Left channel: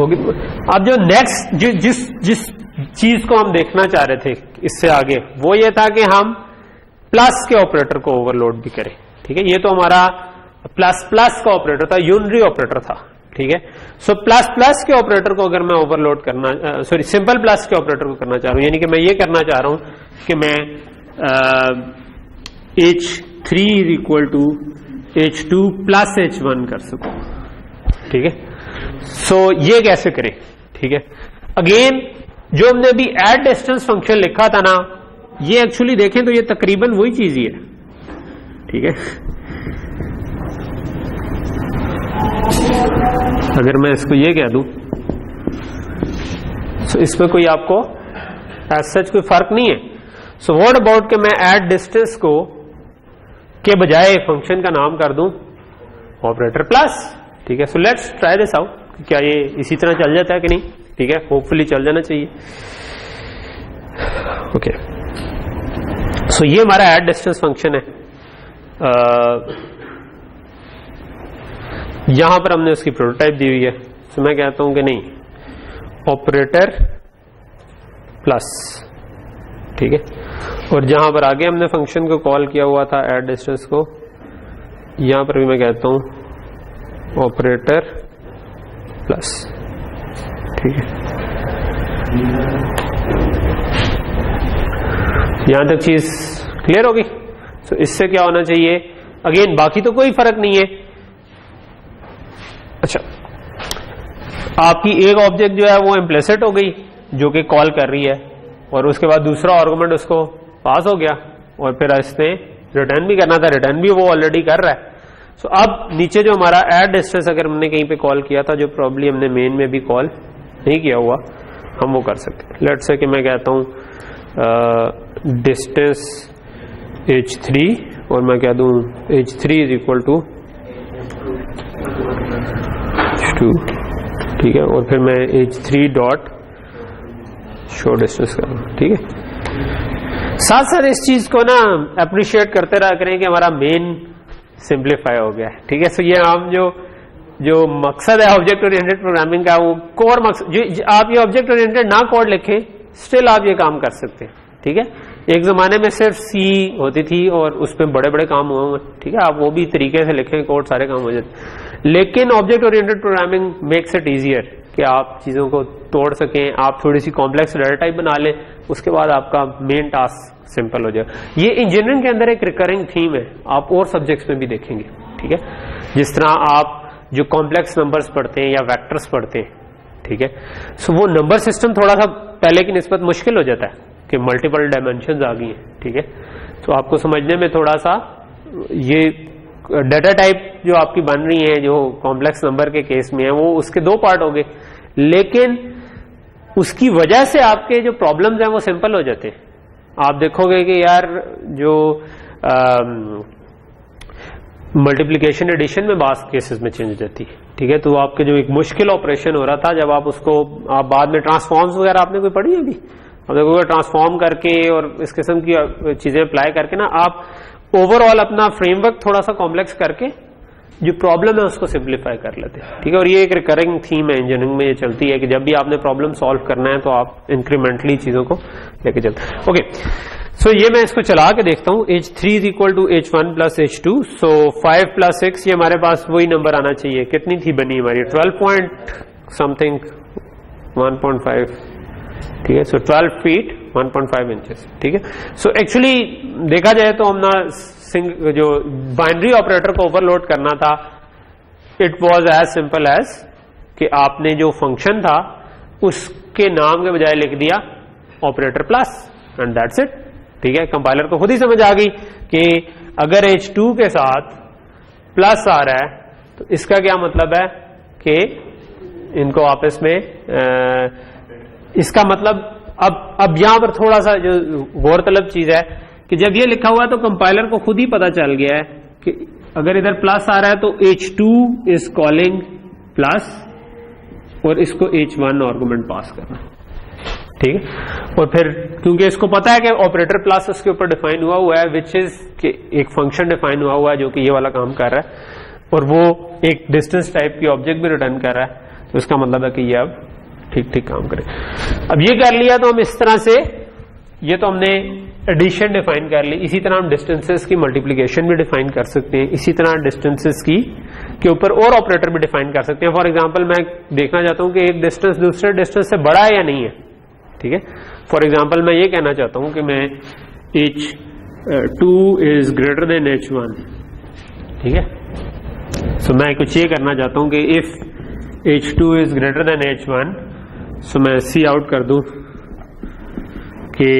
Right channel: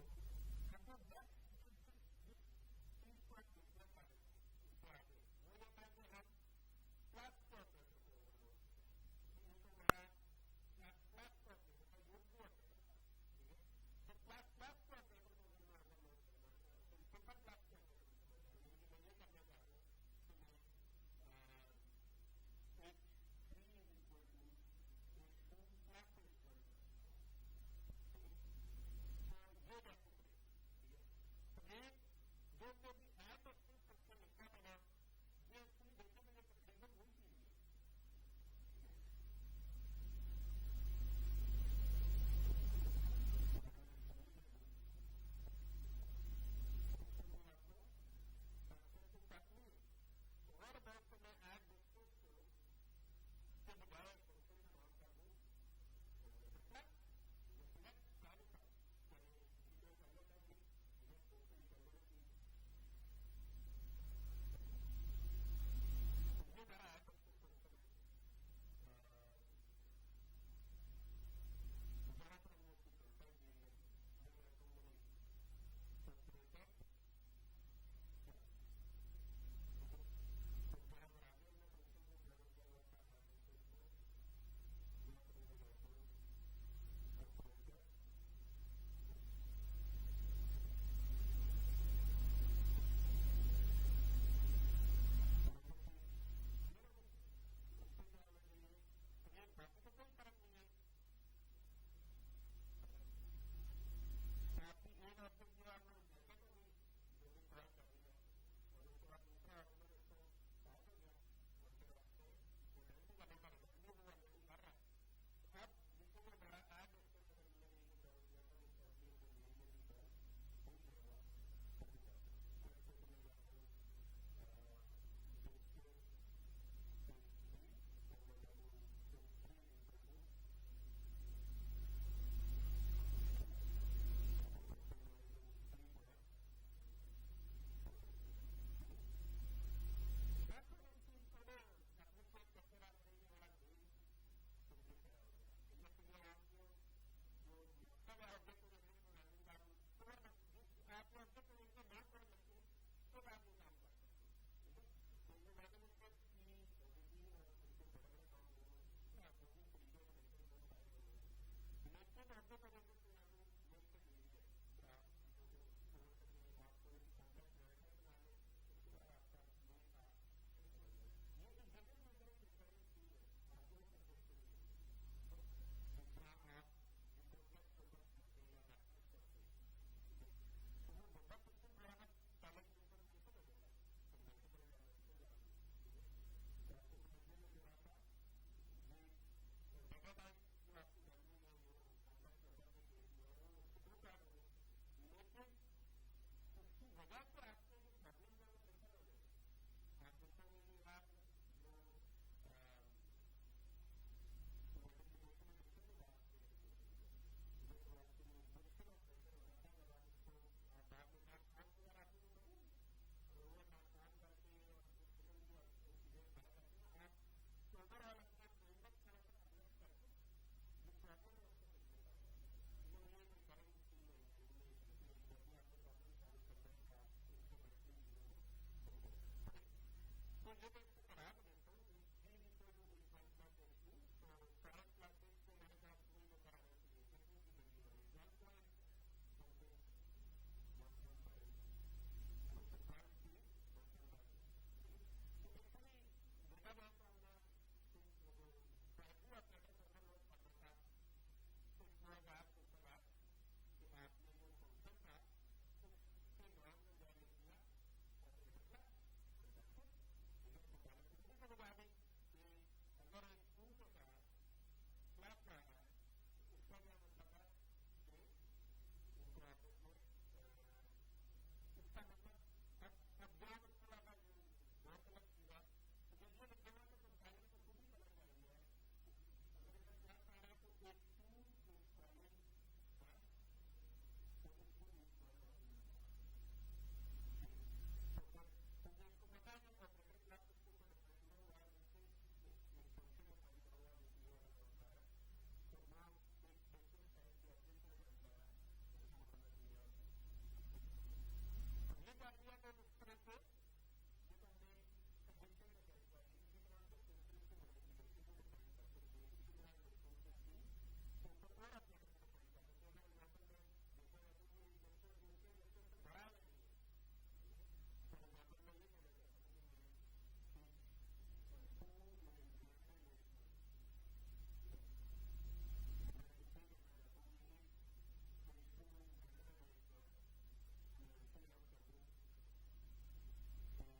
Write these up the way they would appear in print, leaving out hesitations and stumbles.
अब जो नेक्स्ट जिस चीज को हम देखना चाह रहे थे इससे आगे, वो ये था कि हम प्लस के ऑपरेटर को ओवरलोड भी करें। ठीक है, ये तो हमारा प्लस प्लस का ऑपरेटर था, यूनरी ऑपरेटर था। ठीक है, सो प्लस प्लस के ऑपरेटर को अगर मैं ओवरलोड करना, सॉरी सिंपल प्लस के ऑपरेटर को करना चाह रहा हूं, यानी कि मैं ये करना चाह रहा हूं कि मैं H3 is equal to H2 plus H1 कर सकूं। ठीक है, सो ये कैसे करें? ठीक है, अगेन जो हमने अभी एड डिस्टेंस फंक्शन लिखा था ना, ये एक्चुअली देखें तो ये तकरीबन वही चीज ही है। ठीक है, अगर मैं इसको ये कह दूं तो इसमें कोई आपको एज सच कोई फर्क नहीं है। सो व्हाट अबाउट कि मैं एड डिस्टेंस को के बजाय फंक्शन का नाम कर दूं ऑपरेटर प्लस। ठीक है, so let's try this out, क्या ये इसी तरह चल जाता है कि नहीं? ठीक है, होपफुली चल जाना चाहिए। ओके, सो ये हमारा एड डिस्टेंस फंक्शन है। यहां पर हमने उसकी प्रोटोटाइप दी हुई है। तो मैं कहता हूं कि नहीं, ऑपरेटर प्लस। ठीक है, और जहां पर आगे हमने फंक्शन को कॉल किया हुआ था एड डिस्टेंस को, यहां पर भी मैं कहता हूं ऑपरेटर प्लस। ठीक है, यहां तक चीज क्लियर होगी। तो इससे क्या होना चाहिए, अगेन बाकी तो कोई फर्क नहीं है। अच्छा, आपकी एक ऑब्जेक्ट जो है वो इम्प्लिसिट हो गई जो कि कॉल कर रही है, और उसके बाद दूसरा आर्गुमेंट उसको पास हो गया, और फिर इसने रिटर्न भी करना था, रिटर्न भी वो ऑलरेडी कर रहा है। सो अब नीचे जो हमारा एड डिस्टेंस अगर हमने कहीं पे कॉल किया था, जो प्रॉब्ली हमने मेन में भी कॉल नहीं किया हुआ, हम वो कर सकते हैं। लेट्स से कि मैं कहता हूं डिस्टेंस H3 और मैं कह दूं H3 is equal to H2। ठीक है, और फिर मैं H3 डॉट शो डिस्टेंस करूं। ठीक है, साथ साथ इस चीज को ना अप्रिशिएट करते रहा करें कि हमारा मेन सिंप्लीफाई हो गया है। ठीक है, सो ये हम जो मकसद है ऑब्जेक्ट ओरिएंटेड प्रोग्रामिंग का, वो कोर मकसद, जो आप ये ऑब्जेक्ट ओरिएंटेड ना कोड लिखें स्टिल आप ये काम कर सकते हैं। ठीक है, एक जमाने में सिर्फ सी होती थी और उस पर बड़े बड़े काम हुए। ठीक है, आप वो भी तरीके से लिखें कोड, सारे काम हो जाते। लेकिन object oriented programming makes it easier कि आप चीजों को तोड़ सकें, आप थोड़ी सी कॉम्प्लेक्स डाटा टाइप बना लें, उसके बाद आपका मेन टास्क सिंपल हो जाए। ये इंजीनियरिंग के अंदर एक रिकरिंग थीम है, आप और सब्जेक्ट्स में भी देखेंगे। ठीक है, जिस तरह आप जो कॉम्प्लेक्स नंबर्स पढ़ते हैं या वेक्टर्स पढ़ते हैं। ठीक है, सो वो नंबर सिस्टम थोड़ा सा पहले की निस्बत मुश्किल हो जाता है कि मल्टीपल डायमेंशंस आ गई हैं। ठीक है, तो आपको समझने में थोड़ा सा ये डाटा टाइप जो आपकी बन रही है, जो कॉम्प्लेक्स नंबर के केस में है, वो उसके दो पार्ट हो गए, लेकिन उसकी वजह से आपके जो प्रॉब्लम्स हैं वो सिंपल हो जाते हैं। आप देखोगे कि यार जो मल्टीप्लिकेशन एडिशन में बास केसेस में चेंज हो जाती है। ठीक है, तो आपके जो एक मुश्किल ऑपरेशन हो रहा था, जब आप उसको आप बाद में ट्रांसफॉर्म्स वगैरह आपने कोई पढ़ी है अभी, आप देखोगे ट्रांसफॉर्म करके और इस किस्म की चीजें अप्लाई करके ना आप ओवरऑल अपना फ्रेमवर्क थोड़ा सा कॉम्प्लेक्स करके जो प्रॉब्लम है उसको सिंप्लीफाई कर लेते हैं। ठीक है, और ये एक रिकरिंग थीम है इंजीनियरिंग में, ये चलती है कि जब भी आपने प्रॉब्लम सॉल्व करना है तो आप इंक्रीमेंटली चीजों को लेके चलते। ओके, सो ये मैं इसको चला के देखता हूं। H3 is equal to H1 plus H2, so 5 plus 6, ये हमारे पास वही नंबर आना चाहिए। कितनी थी बनी हमारी? 12 पॉइंट समथिंग 1.5। ठीक है, सो 12 फीट 1.5 इंचेस। ठीक है, सो एक्चुअली देखा जाए तो हम ना जो बाइनरी ऑपरेटर को ओवरलोड करना था, it was as simple as कि आपने जो फंक्शन था उसके नाम के बजाय लिख दिया operator plus, and that's it. ठीक है, कंपाइलर को खुद ही समझ आ गई कि अगर H2 के साथ प्लस आ रहा है तो इसका क्या मतलब है कि इनको आपस में इसका मतलब अब यहां पर थोड़ा सा जो गौरतलब चीज है कि जब ये लिखा हुआ है तो कंपाइलर को खुद ही पता चल गया है कि अगर इधर प्लस आ रहा है तो H2 इज कॉलिंग प्लस और इसको H1 आर्गुमेंट पास करना। ठीक है, और फिर क्योंकि इसको पता है कि ऑपरेटर प्लस उसके ऊपर डिफाइन हुआ है, विच इज कि एक फंक्शन डिफाइन हुआ है जो कि ये वाला काम कर रहा है, और वो एक डिस्टेंस टाइप की ऑब्जेक्ट भी रिटर्न कर रहा है, तो इसका मतलब है कि ये अब ठीक ठीक काम करे। अब ये कर लिया तो हम इस तरह से, ये तो हमने एडिशन डिफाइन कर ली, इसी तरह हम डिस्टेंसेस की मल्टीप्लिकेशन भी डिफाइन कर सकते हैं, इसी तरह डिस्टेंसेस की के ऊपर और ऑपरेटर भी डिफाइन कर सकते हैं। फॉर एग्जांपल मैं देखना चाहता हूं कि एक डिस्टेंस दूसरे डिस्टेंस से बड़ा है या नहीं है, ठीक है। फॉर एग्जांपल मैं ये कहना चाहता हूं कि मैं h2 is greater than h1, ठीक है। सो मैं कुछ ये करना चाहता हूं कि if h2 is greater than h1, सो मैं सी आउट कर दूं कि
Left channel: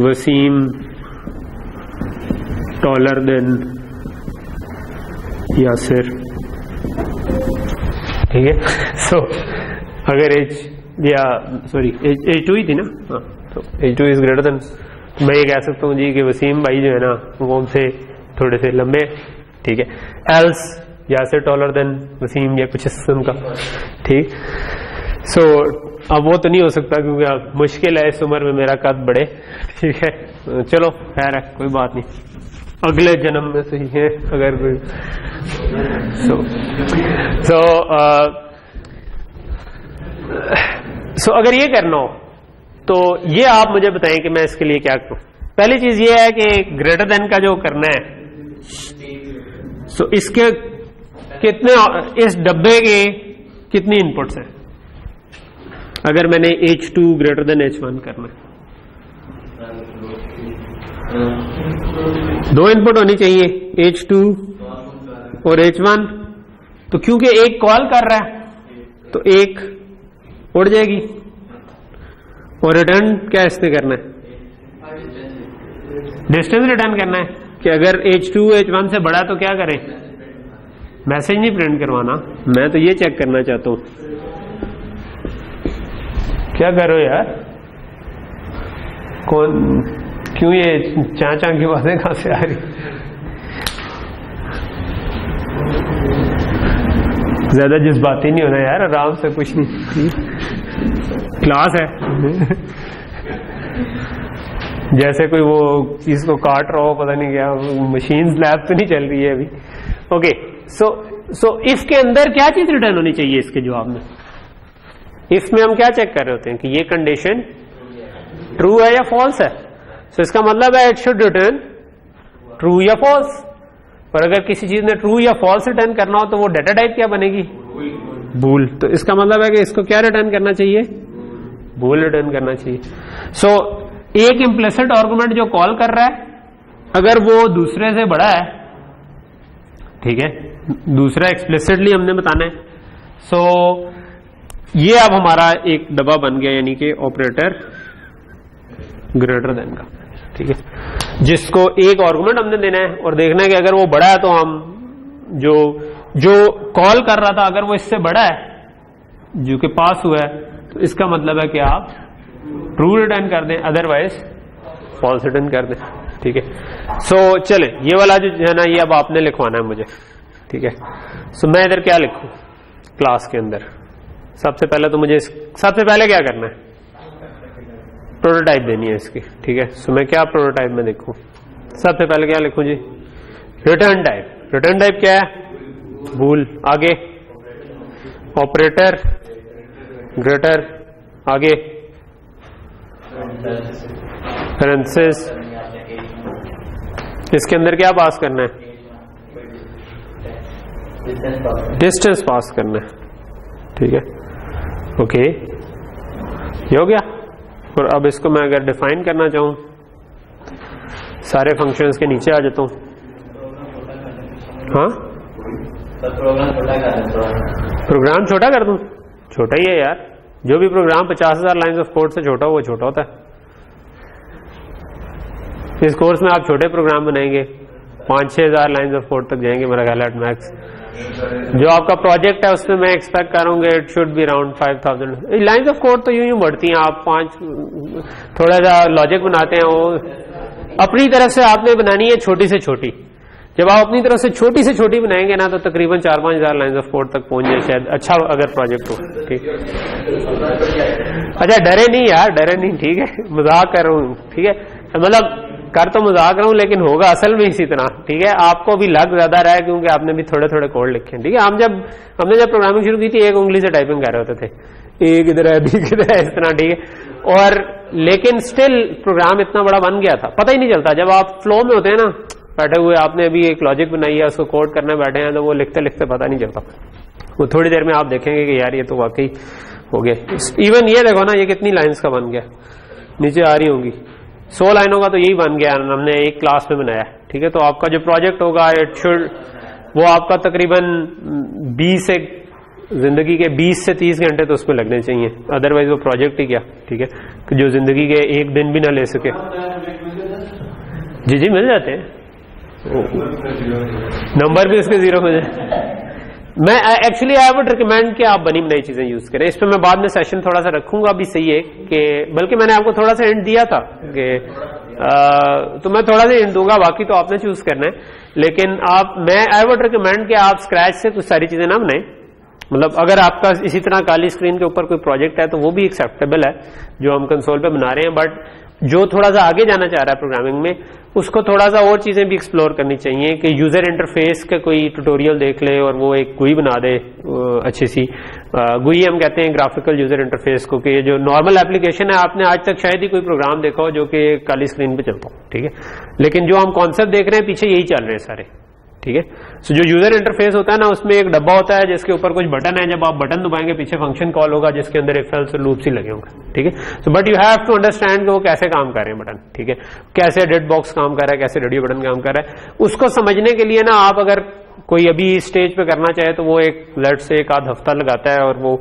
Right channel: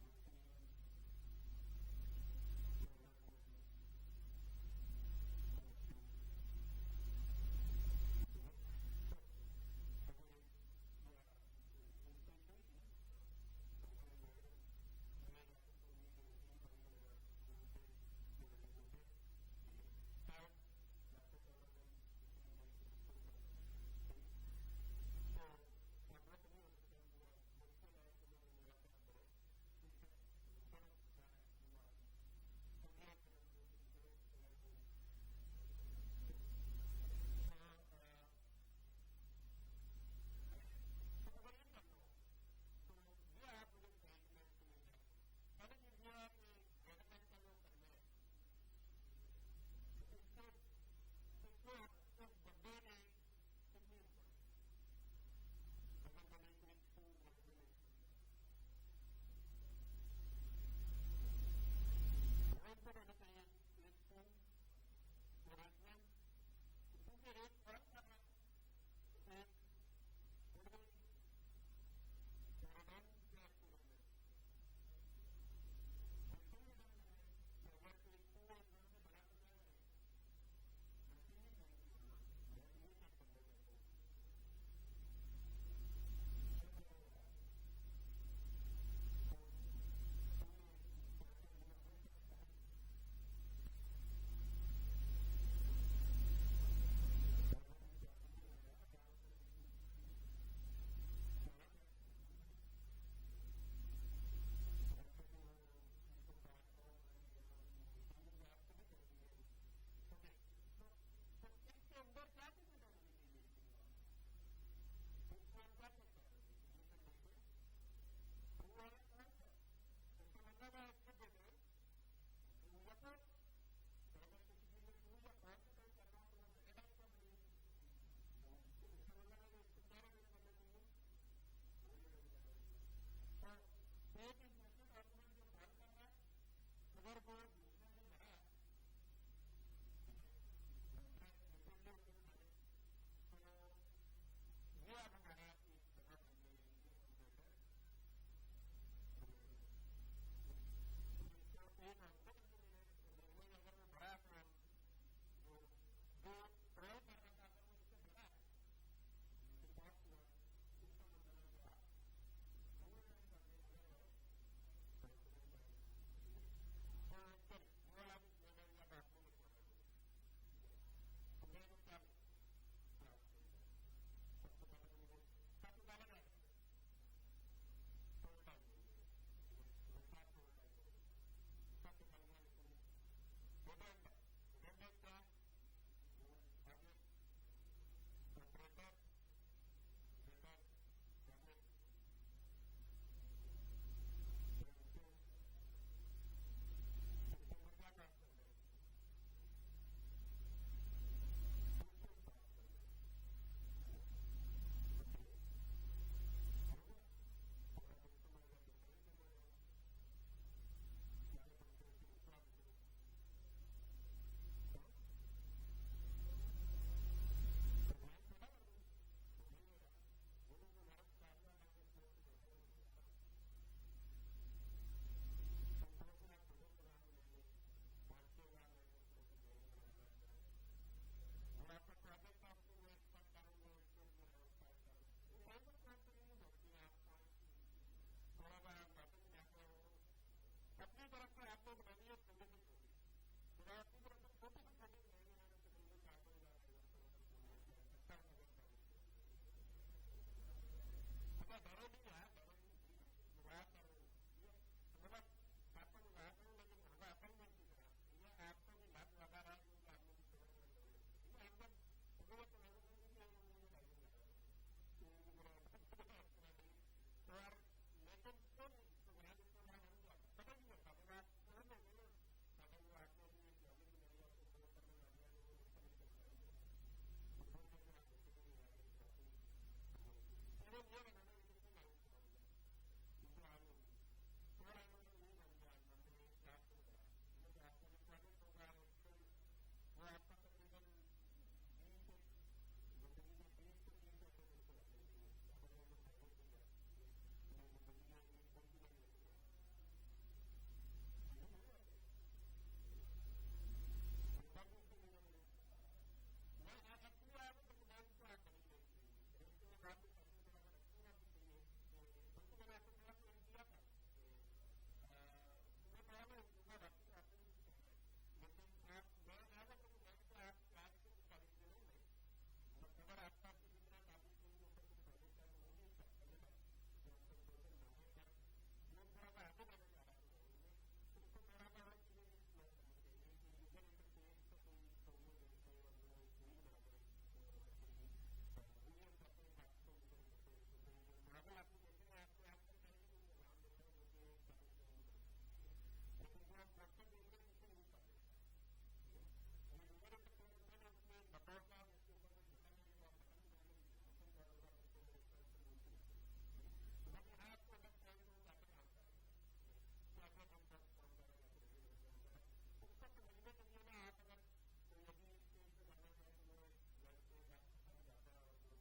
वसीम टॉलर देन यासिर, ठीक है। सो अगर h2 ही थी ना, हाँ, तो h2 इज ग्रेटर देन, मैं ये कह सकता हूँ जी कि वसीम भाई जो है ना वो हमसे थोड़े से लंबे, ठीक है। Else Yasir taller than Wasim या कुछ इस किस्म का, ठीक। सो अब वो तो नहीं हो सकता क्योंकि अब मुश्किल है इस उम्र में मेरा कद बढ़े, ठीक है। चलो खैर है, कोई बात नहीं, अगले जन्म में सही है अगर कोई। सो अगर ये करना हो तो ये आप मुझे बताएं कि मैं इसके लिए क्या करूं। पहली चीज ये है कि ग्रेटर देन का जो करना है, सो इसके कितने, इस डब्बे के कितनी इनपुट्स हैं। अगर मैंने h2 ग्रेटर देन h1 करना है, 2 इनपुट होनी चाहिए, h2 और h1। तो क्योंकि एक कॉल कर रहा है तो एक उड़ जाएगी, और रिटर्न क्या इसने करना है, डिस्टेंस रिटर्न करना है कि अगर h2 h1 से बड़ा तो क्या करें, मैसेज नहीं प्रिंट करवाना। मैं तो ये चेक करना चाहता हूं, क्या करो यार, कौन, क्यों ये चाचा की बातें कहां से आ रही। ज्यादा जज्बाती नहीं होना यार, आराम से, कुछ नहीं, क्लास है। जैसे कोई वो चीज को काट रहा हो, पता नहीं क्या, मशीन लैब तो नहीं चल रही है अभी। ओके, सो इफ के अंदर क्या चीज रिटर्न होनी चाहिए इसके जवाब में। इफ में हम क्या चेक कर रहे होते हैं कि ये कंडीशन ट्रू है या फॉल्स है। सो इसका मतलब है इट शुड रिटर्न ट्रू या फॉल्स। पर अगर किसी चीज ने ट्रू या फॉल्स रिटर्न करना हो तो वो डेटा टाइप क्या बनेगी, बूल। तो इसका मतलब है कि इसको क्या रिटर्न करना चाहिए, बूल रिटर्न करना चाहिए। सो एक इम्प्लिसिट आर्गुमेंट जो कॉल कर रहा है, अगर वो दूसरे से बड़ा है, ठीक है, दूसरा एक्सप्लिसिटली हमने बताना है। सो ये अब हमारा एक डब्बा बन गया, यानी कि ऑपरेटर ग्रेटर देन का, ठीक है, जिसको एक आर्गुमेंट हमने देना है और देखना है कि अगर वो बड़ा है तो हम जो कॉल कर रहा था अगर वो इससे बड़ा है, जो कि पास हुआ है, तो इसका मतलब है कि आप ट्रू रिटर्न कर दें, अदरवाइज फॉल्स रिटर्न कर दें, ठीक है। सो चले, ये वाला जो है ना, ये अब आपने लिखवाना है मुझे, ठीक है। सो मैं इधर क्या लिखूं क्लास के अंदर, सबसे पहले तो मुझे सबसे पहले क्या करना है, प्रोटोटाइप देनी है इसकी, ठीक है। सो मैं क्या प्रोटोटाइप में देखूं, सबसे पहले क्या लिखूं जी, रिटर्न टाइप। रिटर्न टाइप क्या है, बूल। आगे ऑपरेटर ग्रेटर, आगे पैरेंथेसिस, इसके अंदर क्या पास करना है, डिस्टेंस पास करना है, ठीक है। ओके, ये हो गया। और अब इसको मैं अगर डिफाइन करना चाहूं, सारे फंक्शंस के नीचे आ जाता हूं। हाँ, प्रोग्राम छोटा कर दूं, छोटा ही है यार, जो भी प्रोग्राम 50,000 लाइंस ऑफ कोड से छोटा हो वो छोटा होता है। इस कोर्स में आप छोटे प्रोग्राम बनाएंगे 5-6 हजार लाइंस ऑफ कोड तक जाएंगे मेरा ख्याल एट मैक्स। जो आपका प्रोजेक्ट है उसमें मैं एक्सपेक्ट करूंगा it should be around 5000 lines of code. तो यूं बढ़ती हैं, आप 5 थोड़ा सा लॉजिक बनाते हैं, वो अपनी तरफ से आपने बनानी है छोटी से छोटी। जब आप अपनी तरफ से छोटी बनाएंगे ना, तो तकरीबन 4-5 हजार लाइंस ऑफ कोड तक पहुंच जाए शायद, अच्छा अगर प्रोजेक्ट हो, ठीक। अच्छा डरे नहीं यार, डरे नहीं, ठीक है, मजाक कर रहा हूँ, ठीक है। मतलब कर तो मजाक रहा हूं लेकिन होगा असल में इसी तरह, ठीक है। आपको भी लग ज्यादा रहा है क्योंकि आपने भी थोड़े थोड़े कोड लिखे हैं, ठीक है। हमने जब प्रोग्रामिंग शुरू की थी एक उंगली से टाइपिंग कर रहे होते थे, ए किधर है बी किधर है, इस तरह, ठीक है। और लेकिन स्टिल प्रोग्राम इतना बड़ा बन गया था, पता ही नहीं चलता। जब आप फ्लो में होते हैं ना, बैठे हुए, आपने अभी एक लॉजिक बनाई है, उसको कोड करने बैठे हैं, तो वो लिखते लिखते पता नहीं चलता। वो थोड़ी देर में आप देखेंगे कि यार ये तो वाकई हो गया। इवन ये देखो ना, ये कितनी लाइन्स का बन गया, नीचे आ रही होंगी 100 लाइनों का, तो यही बन गया, हमने एक क्लास में बनाया, ठीक है। तो आपका जो प्रोजेक्ट होगा इट शुड, वो आपका तकरीबन 20 से जिंदगी के 20 से 30 घंटे तो उसमें लगने चाहिए, अदरवाइज वो प्रोजेक्ट ही क्या, ठीक है, कि जो जिंदगी के एक दिन भी ना ले सके। जी जी मिल जाते हैं, नंबर भी उसके 0 हो जाए। मैं एक्चुअली आई वुड रिकमेंड कि आप बनी बनाई चीजें यूज करें। इस पर मैं बाद में सेशन थोड़ा सा रखूंगा, भी सही है कि, बल्कि मैंने आपको थोड़ा सा हिंट दिया था कि तो मैं थोड़ा सा हिंट दूंगा, बाकी तो आपने चूज करना है। लेकिन मैं आई वुड रिकमेंड कि आप स्क्रैच से कुछ सारी चीजें ना बनाएं। मतलब अगर आपका इसी तरह काली स्क्रीन के ऊपर कोई प्रोजेक्ट है तो वो भी एक्सेप्टेबल है जो हम कंसोल पे बना रहे हैं, बट जो थोड़ा सा आगे जाना चाह रहा है प्रोग्रामिंग में, उसको थोड़ा सा और चीजें भी एक्सप्लोर करनी चाहिए कि यूजर इंटरफेस का कोई ट्यूटोरियल देख ले और वो एक GUI बना दे अच्छी सी। GUI हम कहते हैं ग्राफिकल यूजर इंटरफेस को, कि जो नॉर्मल एप्लीकेशन है, आपने आज तक शायद ही कोई प्रोग्राम देखा हो जो कि काली स्क्रीन पे चलता हो, ठीक है। लेकिन जो हम कॉन्सेप्ट देख रहे हैं पीछे यही चल रहे हैं सारे, ठीक है। सो जो यूजर इंटरफेस होता है ना, उसमें एक डब्बा होता है जिसके ऊपर कुछ बटन है, जब आप बटन दबाएंगे पीछे फंक्शन कॉल होगा जिसके अंदर इफ एल्स और लूप्स ही लगे होंगे, ठीक है। So but you have to understand कि वो कैसे काम कर रहे हैं बटन, ठीक है, कैसे डेड बॉक्स काम कर रहा है, कैसे रेडियो बटन काम कर रहा है। उसको समझने के लिए ना, आप अगर कोई अभी स्टेज पे करना चाहे तो वो एक लेट से एक आध हफ्ता लगाता है और वो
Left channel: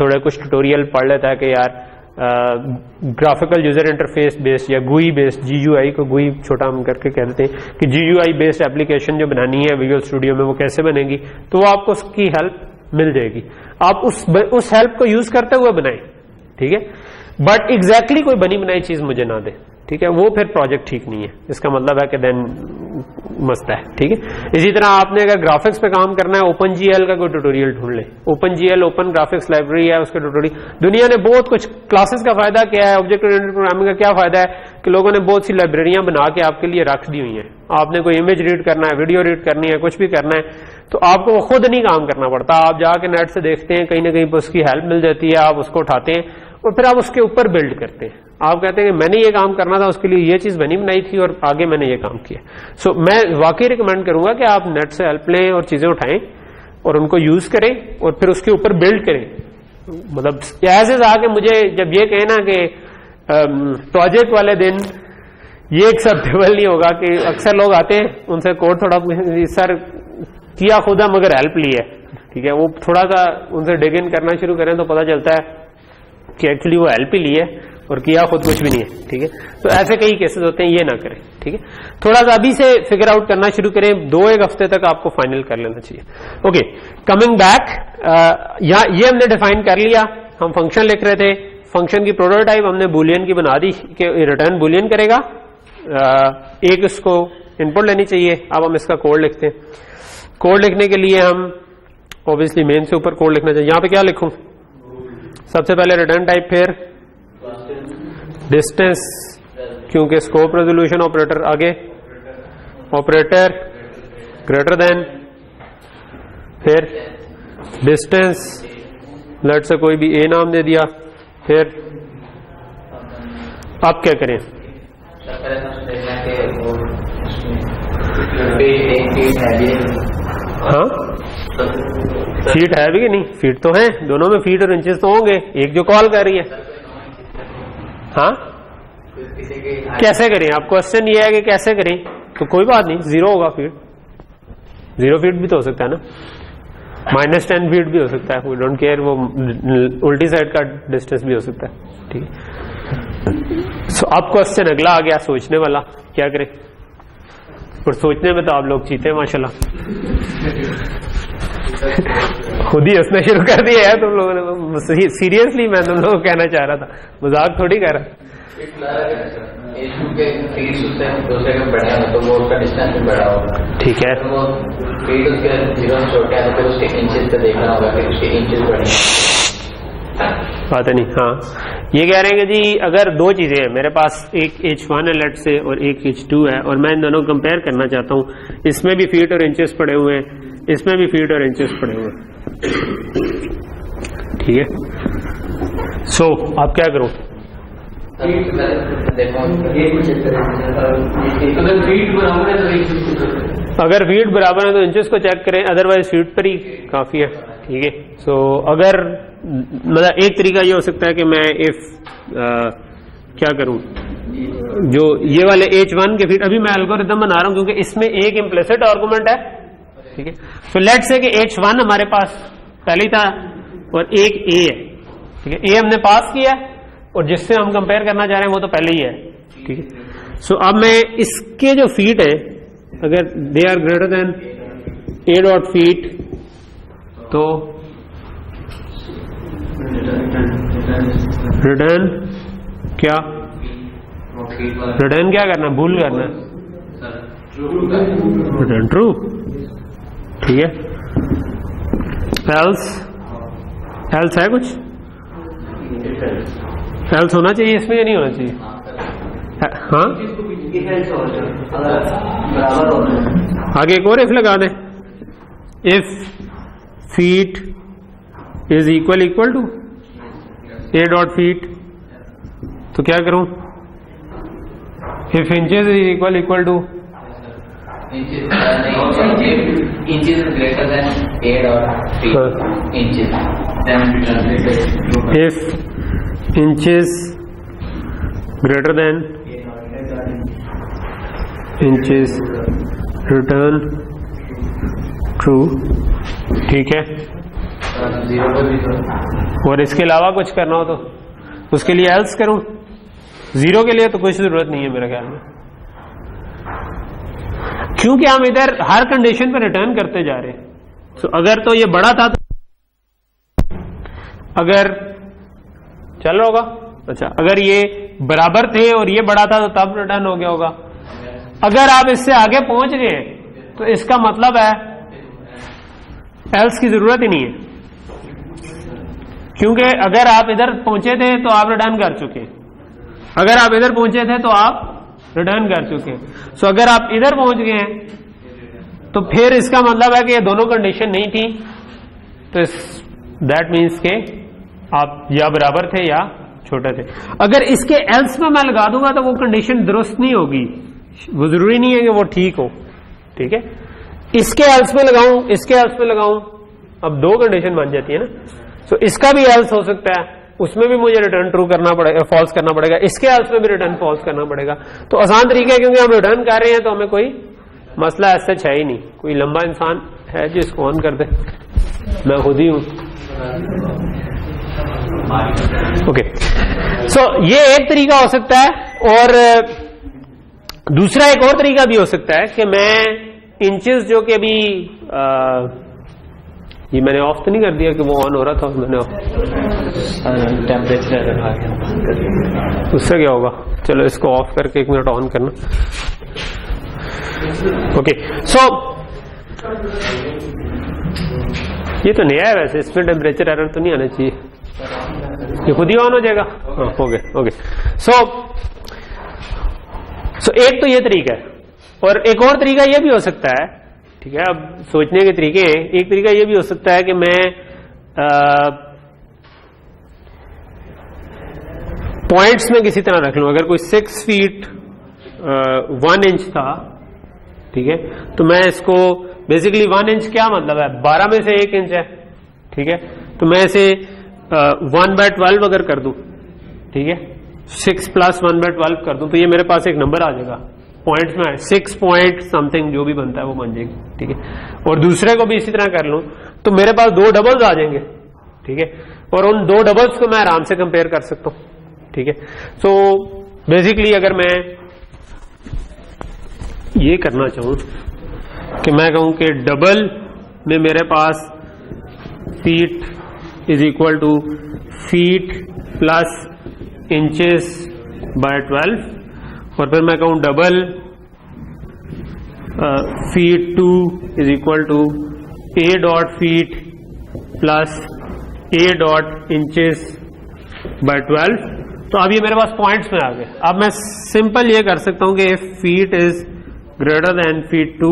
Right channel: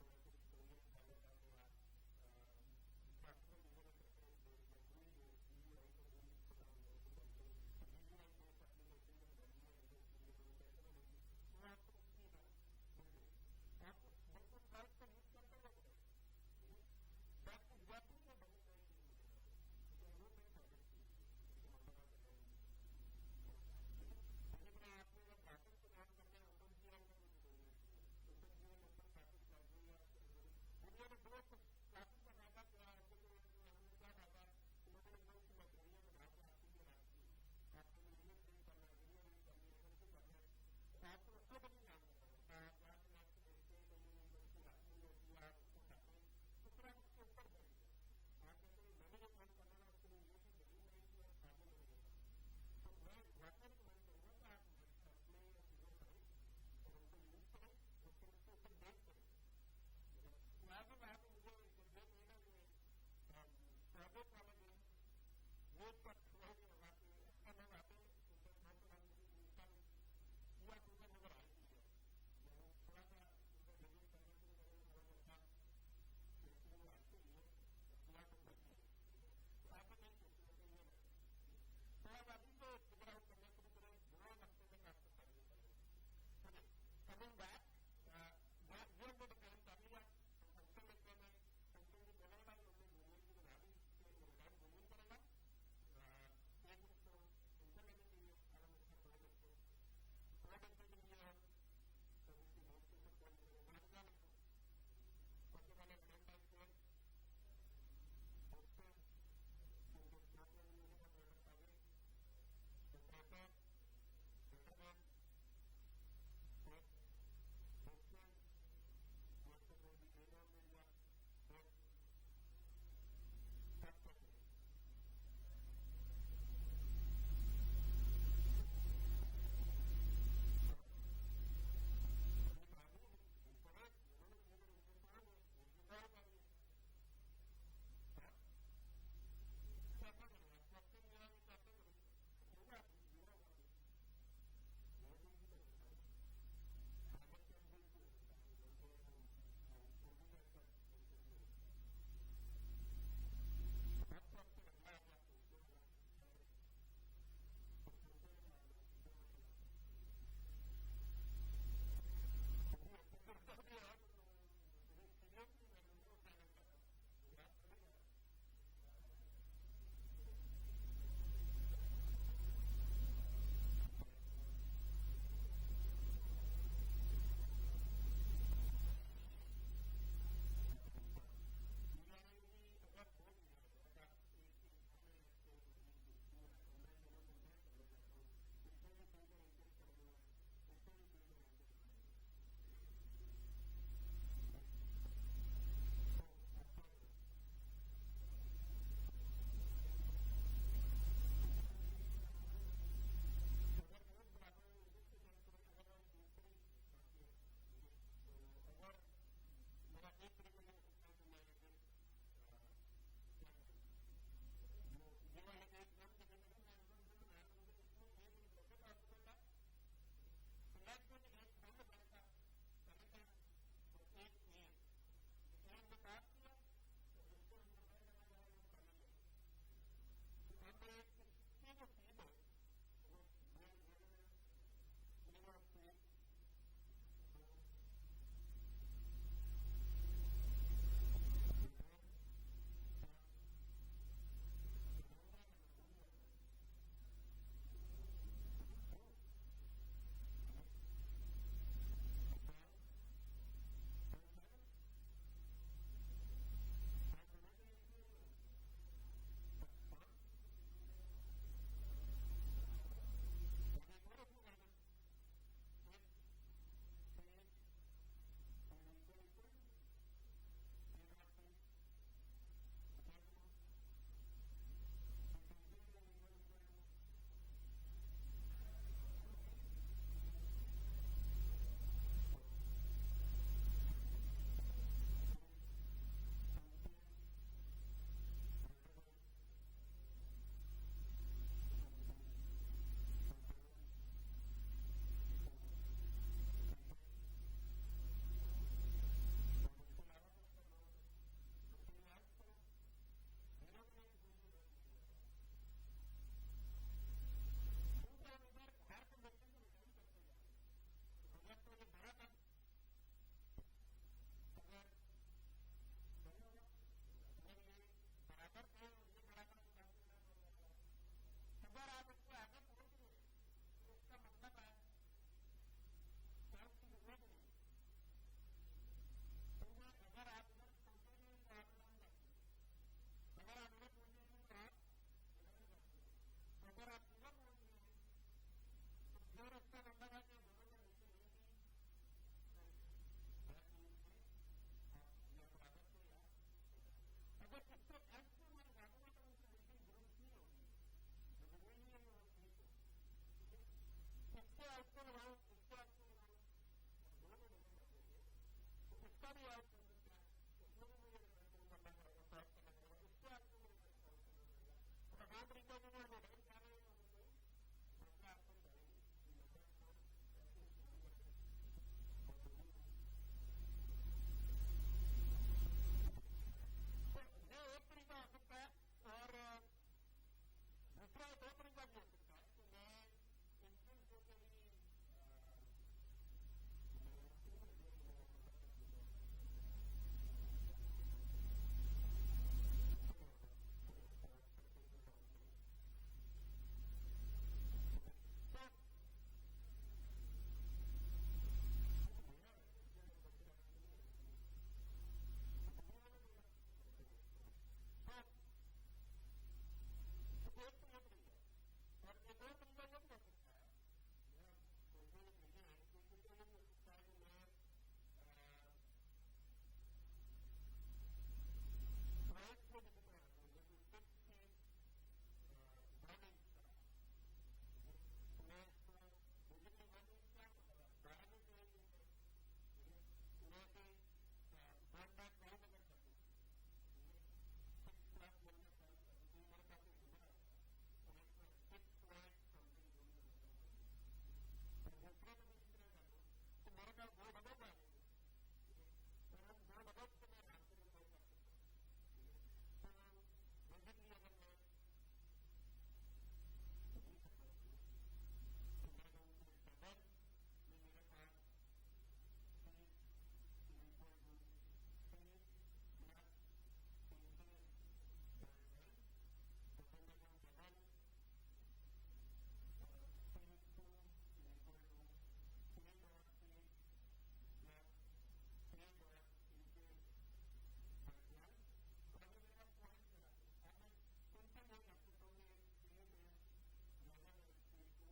थोड़े कुछ ट्यूटोरियल पढ़ लेता है कि यार ग्राफिकल यूजर इंटरफेस बेस्ड या GUI बेस्ड, GUI को GUI छोटा हम करके कहते हैं कि GUI बेस्ड एप्लीकेशन जो बनानी है विजुअल स्टूडियो में वो कैसे बनेगी, तो वो आपको उसकी हेल्प मिल जाएगी। आप उस हेल्प को यूज करते हुए बनाएं, ठीक है। बट एग्जैक्टली कोई बनी बनाई चीज मुझे ना दे, ठीक है, वो फिर प्रोजेक्ट ठीक नहीं है। इसका मतलब है कि देन मस्त है, ठीक है। इसी तरह आपने अगर ग्राफिक्स पे काम करना है, OpenGL का कोई ट्यूटोरियल ढूंढ ले। OpenGL ओपन ग्राफिक्स लाइब्रेरी है, उसके ट्यूटोरियल दुनिया ने बहुत कुछ। क्लासेस का फायदा क्या है, ऑब्जेक्ट ओरिएंटेड प्रोग्रामिंग का क्या फायदा है कि लोगों ने बहुत सी लाइब्रेरियां बना के आपके लिए रख दी हुई हैं। आपने कोई इमेज रीड करना है, वीडियो रीड करनी है, कुछ भी करना है, तो आपको वो खुद नहीं काम करना पड़ता। आप जाके नेट से देखते हैं, कहीं ना कहीं पर उसकी हेल्प मिल जाती है, आप उसको उठाते हैं और फिर आप उसके ऊपर बिल्ड करते हैं। आप कहते हैं कि मैंने ये काम करना था, उसके लिए ये चीज बनी बनाई थी और आगे मैंने ये काम किया। सो मैं वाकई रिकमेंड करूंगा कि आप नेट से हेल्प लें और चीजें उठाएं और उनको यूज करें और फिर उसके ऊपर बिल्ड करें। मतलब ऐसे आके मुझे जब ये कहे ना कि प्रोजेक्ट वाले दिन ये एक्सेप्टेबल नहीं होगा, कि अक्सर लोग आते हैं उनसे कोड थोड़ा सर किया खुदा मगर हेल्प ली है, ठीक है, वो थोड़ा सा उनसे डिग इन करना शुरू करें तो पता चलता है कि एक्चुअली वो हेल्प ही ली है और किया खुद कुछ भी नहीं है, ठीक है। तो ऐसे कई केसेस होते हैं, ये ना करें, ठीक है। थोड़ा सा अभी से फिगर आउट करना शुरू करें, 2-1 हफ्ते तक आपको फाइनल कर लेना चाहिए। ओके, कमिंग बैक, ये हमने डिफाइन कर लिया। हम फंक्शन लिख रहे थे, फंक्शन की प्रोटोटाइप हमने बुलियन की बना दी कि रिटर्न बुलियन करेगा, एक उसको इनपुट लेनी चाहिए। अब हम इसका कोड लिखते हैं। कोड लिखने के लिए हम ऑब्वियसली मेन से ऊपर कोड लिखना चाहिए। यहां पे क्या लिखूं? सबसे पहले रिटर्न टाइप, फिर डिस्टेंस, क्योंकि स्कोप रेजोल्यूशन ऑपरेटर आगे, ऑपरेटर ग्रेटर देन, फिर डिस्टेंस, लेट से कोई भी ए नाम दे दिया, फिर आप क्या करें? हाँ, फीट है भी कि नहीं? फीट तो है, दोनों में फीट और इंचेस तो होंगे। एक जो कॉल कर रही है, हाँ, कैसे करें? आप क्वेश्चन ये है कि कैसे करें, तो कोई बात नहीं, 0 होगा फीट। 0 फीट भी तो हो सकता है ना, -10 फीट भी हो सकता है, वी डोंट केयर, वो उल्टी साइड का डिस्टेंस भी हो सकता है, ठीक है। सो अब क्वेश्चन अगला आ गया, सोचने वाला, क्या करें? और सोचने में तो आप लोग चीते हैं माशाल्लाह, खुद ही हंसना शुरू कर दिया है तुम लोगों ने। सीरियसली मैं तुम लोगों को कहना चाह रहा था, मजाक थोड़ी कर रहा। ठीक है, बात नहीं। हाँ, ये कह रहे हैं कि जी अगर दो चीजें हैं मेरे पास, एक H1 है लेट से और एक H2 है, और मैं इन दोनों को कंपेयर करना चाहता हूं, इसमें भी फीट और इंचेस पड़े हुए हैं, इसमें भी फीट और इंचेस पड़े हुए हैं, ठीक है। सो आप क्या करो, अगर फीट बराबर है तो इंचेस को चेक करें, अदरवाइज फीट पर ही काफी है, ठीक है। सो अगर मतलब एक तरीका ये हो सकता है कि मैं इफ क्या करूं, जो ये वाले H1 के फीट, अभी मैं एल्गोरिथम बना रहा हूं क्योंकि इसमें एक इम्प्लिसिट आर्गुमेंट है, ठीक है। तो लेट्स से कि H1 हमारे पास पहले था और एक A है, ठीक है। A हमने पास किया और जिससे हम कंपेयर करना चाह रहे हैं वो तो पहले ही है, ठीक है। सो अब मैं इसके जो फीट है अगर they are greater than A dot feet, तो रिटर्न क्या, रिटर्न क्या करना, भूल करना, रिटर्न ट्रू, ठीक है। एल्स, एल्स है कुछ, एल्स होना चाहिए इसमें या नहीं होना चाहिए, हाँ। आगे एक और इफ लगा दें, if feet is equal to A dot feet, तो क्या करूं, if inches is equal to inches is greater than A dot feet inches, then if inches greater than inches return true, ठीक है। और इसके अलावा कुछ करना हो तो उसके लिए एल्स करूं, जीरो के लिए तो कोई जरूरत नहीं है मेरे ख्याल में, क्योंकि हम इधर हर कंडीशन पर रिटर्न करते जा रहे हैं। तो अगर तो ये बड़ा था तो अगर चल रहा होगा, अच्छा अगर ये बराबर थे और ये बड़ा था तो तब रिटर्न हो गया होगा। अगर आप इससे आगे पहुंच गए तो इसका मतलब है एल्स की जरूरत ही नहीं है, क्योंकि अगर आप इधर पहुंचे थे तो आप रिटर्न कर चुके हैं, अगर आप इधर पहुंचे थे तो आप रिटर्न कर चुके हैं। सो अगर आप इधर पहुंच गए हैं तो फिर इसका मतलब है कि ये दोनों कंडीशन नहीं थी, तो दैट मीन्स के आप या बराबर थे या छोटे थे। अगर इसके एल्स में मैं लगा दूंगा तो वो कंडीशन दुरुस्त नहीं होगी, वो जरूरी नहीं है कि वो ठीक हो, ठीक है। इसके एल्स में लगाऊं, इसके एल्स में लगाऊं, अब दो कंडीशन बन जाती है ना। सो इसका भी एल्स हो सकता है, उसमें भी मुझे रिटर्न ट्रू करना पड़ेगा, फॉल्स करना पड़ेगा, इसके एल्स में भी रिटर्न फॉल्स करना पड़ेगा। तो आसान तरीका है, क्योंकि हम रिटर्न कर रहे हैं तो हमें कोई मसला ऐसा है ही नहीं। कोई लंबा इंसान है जो इसको ऑन कर दे, मैं खुद ही हूं। ओके, सो ये एक तरीका हो सकता है, और दूसरा एक और तरीका भी हो सकता है कि मैं इंचेस जो कि अभी ये मैंने ऑफ तो नहीं कर दिया कि वो ऑन हो रहा था, मैंने टेम्परेचर उससे क्या होगा, चलो इसको ऑफ करके 1 मिनट ऑन करना। ओके, सो ये तो नया है वैसे, इसमें टेम्परेचर एरर तो नहीं आना चाहिए, ये खुद ही ऑन हो जाएगा। हाँ, हो गया। ओके, सो एक तो ये तरीका है, और एक और तरीका ये भी हो सकता है, ठीक है। अब सोचने के तरीके हैं, एक तरीका ये भी हो सकता है कि मैं पॉइंट्स में किसी तरह रख लूं। अगर कोई 6 फीट 1 इंच था, ठीक है, तो मैं इसको बेसिकली 1 इंच क्या मतलब है, 12 में से 1 इंच है, ठीक है। तो मैं इसे 1/12 अगर कर दूं, ठीक है, 6 + 1/12 कर दूं, तो ये मेरे पास एक नंबर आ जाएगा पॉइंट्स में, 6 पॉइंट समथिंग जो भी बनता है वो बन जाएगी, ठीक है। और दूसरे को भी इसी तरह कर लूं तो मेरे पास 2 डबल्स आ जाएंगे, ठीक है, और उन 2 डबल्स को मैं आराम से कंपेयर कर सकता हूं, ठीक है। सो बेसिकली अगर मैं ये करना चाहूं कि मैं कहूं कि डबल में मेरे पास feet is equal to feet plus inches by 12, और फिर मैं कहूं double feet 2 is equal to A dot feet plus A dot inches by 12, तो अब ये मेरे पास पॉइंट्स में आ गए। अब मैं सिंपल ये कर सकता हूं कि if feet is greater than feet 2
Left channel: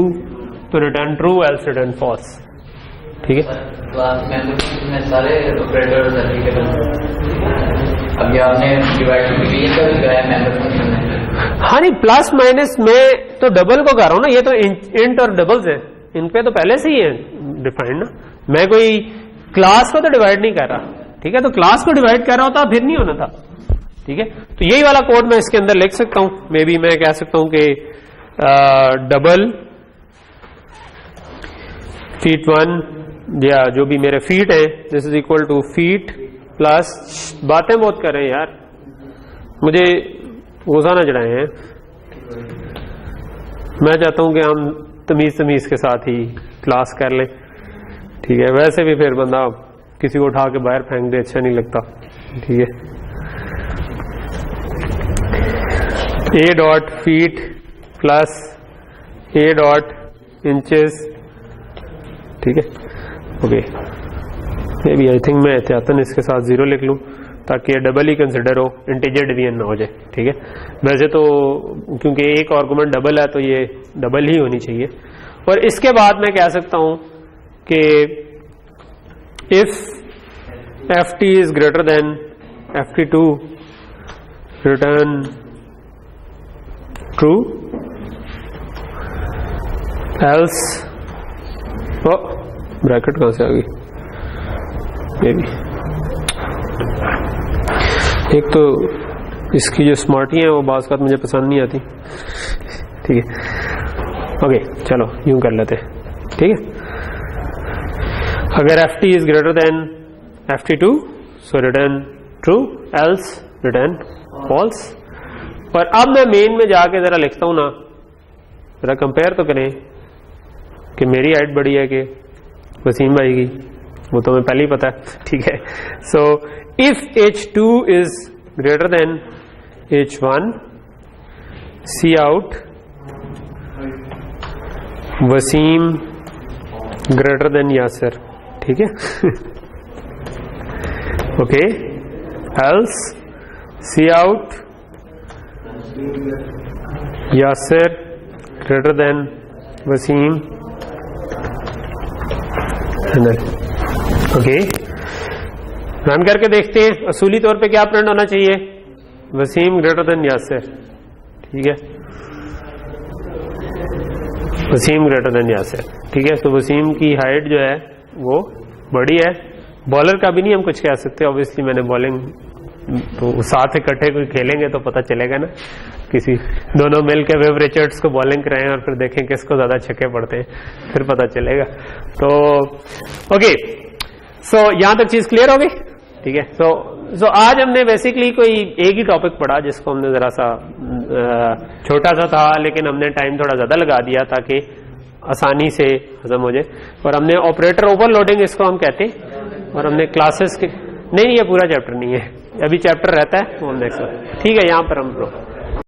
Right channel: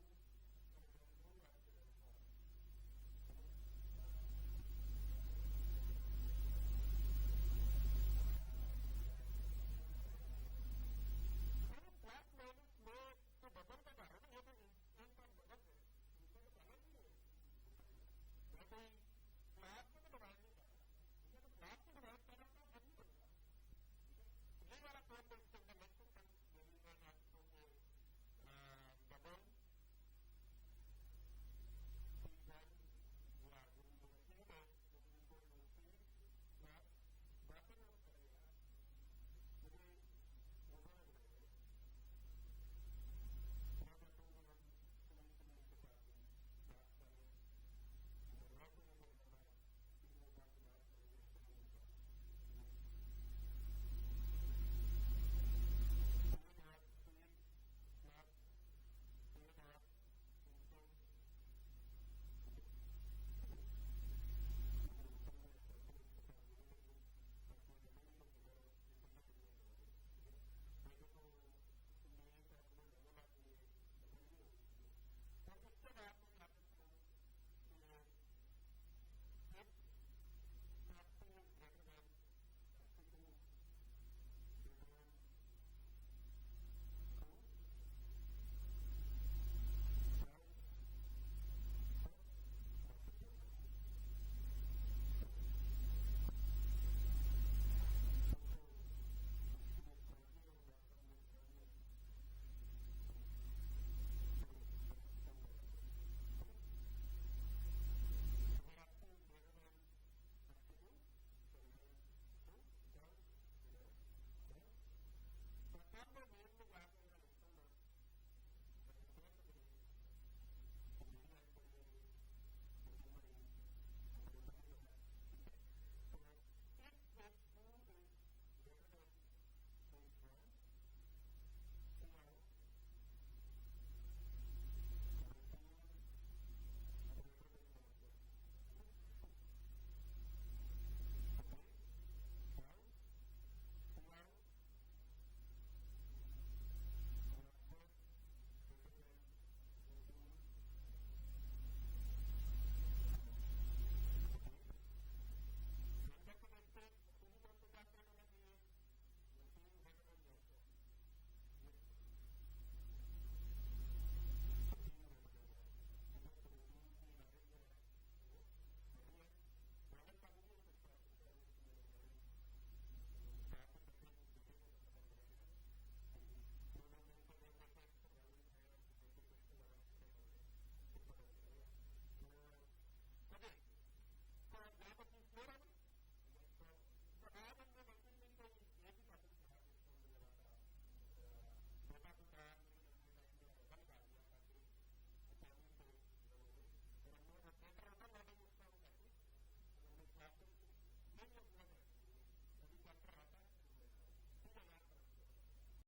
तो return true, else return false. ठीक है, में सारे ऑपरेटर्स अभी आपने डिवाइड डिवीजन का भी कराया मेंबर फंक्शन में। हाँ नहीं, प्लस माइनस में तो डबल को कर रहा हूं ना, ये तो इंट और डबल्स है, इन पे तो पहले से ही है डिफाइंड ना। मैं कोई क्लास को तो डिवाइड नहीं कर रहा। ठीक है, तो क्लास को डिवाइड कर रहा होता फिर नहीं होना था। ठीक है, तो यही वाला कोड मैं इसके अंदर लिख सकता हूं। मे बी मैं कह सकता हूं कि डबल फीट 1 या जो भी मेरे फीट है this is equal to feet plus, बातें बहुत कर रहे हैं यार, मुझे गुस्सा ना चढ़ाए हैं। मैं चाहता हूं कि हम तमीज के साथ ही क्लास कर लें। ठीक है, वैसे भी फिर बंदा किसी को उठा के बाहर फेंक दे, अच्छा नहीं लगता। ठीक है, A dot feet plus A dot inches. ठीक है, okay, maybe I think मैं एहतियातन इसके साथ 0 लिख लूं ताकि ये डबल ही कंसिडर हो, इंटीजर डिवीजन ना हो जाए। ठीक है, वैसे तो क्योंकि एक आर्गुमेंट डबल है तो ये डबल ही होनी चाहिए। और इसके बाद मैं कह सकता हूं कि if F T is greater than F T 2 return true, else, bracket कहां से आ गई, मे बी एक तो इसकी जो स्मार्टी है वो बात मुझे पसंद नहीं आती। ठीक है, ओके, चलो यूं कर लेते हैं। ठीक है, अगर F T is greater than F T 2 so return true, else return false. पर अब मैं मेन में जाके जरा लिखता हूं ना, जरा कंपेयर तो करें कि मेरी हाइट बड़ी है कि वसीम भाई की, वो तो मैं पहले ही पता है। ठीक है, so if H2 is greater than H1 cout Wasim greater than Yasir. ठीक है, okay, else cout Yasir greater than Wasim. Okay, run करके देखते हैं असूली तौर पे क्या प्रिंट होना चाहिए, वसीम ग्रेटर देन यासिर। ठीक है, वसीम ग्रेटर देन यासिर। ठीक है, तो वसीम की हाइट जो है वो बड़ी है, बॉलर का भी नहीं हम कुछ कह सकते, ऑब्वियसली मैंने बॉलिंग तो साथ इकट्ठे कोई खेलेंगे तो पता चलेगा ना, किसी दोनों मिल के वेव रिचर्ड्स को बॉलिंग कराएं और फिर देखें किसको ज्यादा छक्के पड़ते हैं, फिर पता चलेगा। तो ओके, सो यहां तक चीज क्लियर हो गई। ठीक है, सो आज हमने बेसिकली कोई एक ही टॉपिक पढ़ा जिसको हमने जरा सा छोटा सा था, लेकिन हमने टाइम थोड़ा ज्यादा लगा दिया ताकि आसानी से हजम हो जाए। और हमने ऑपरेटर ओवरलोडिंग इसको हम कहते हैं, और हमने क्लासेस के नहीं, ये पूरा चैप्टर नहीं है, अभी चैप्टर रहता है वो नेक्स्ट। ठीक है, यहाँ पर हम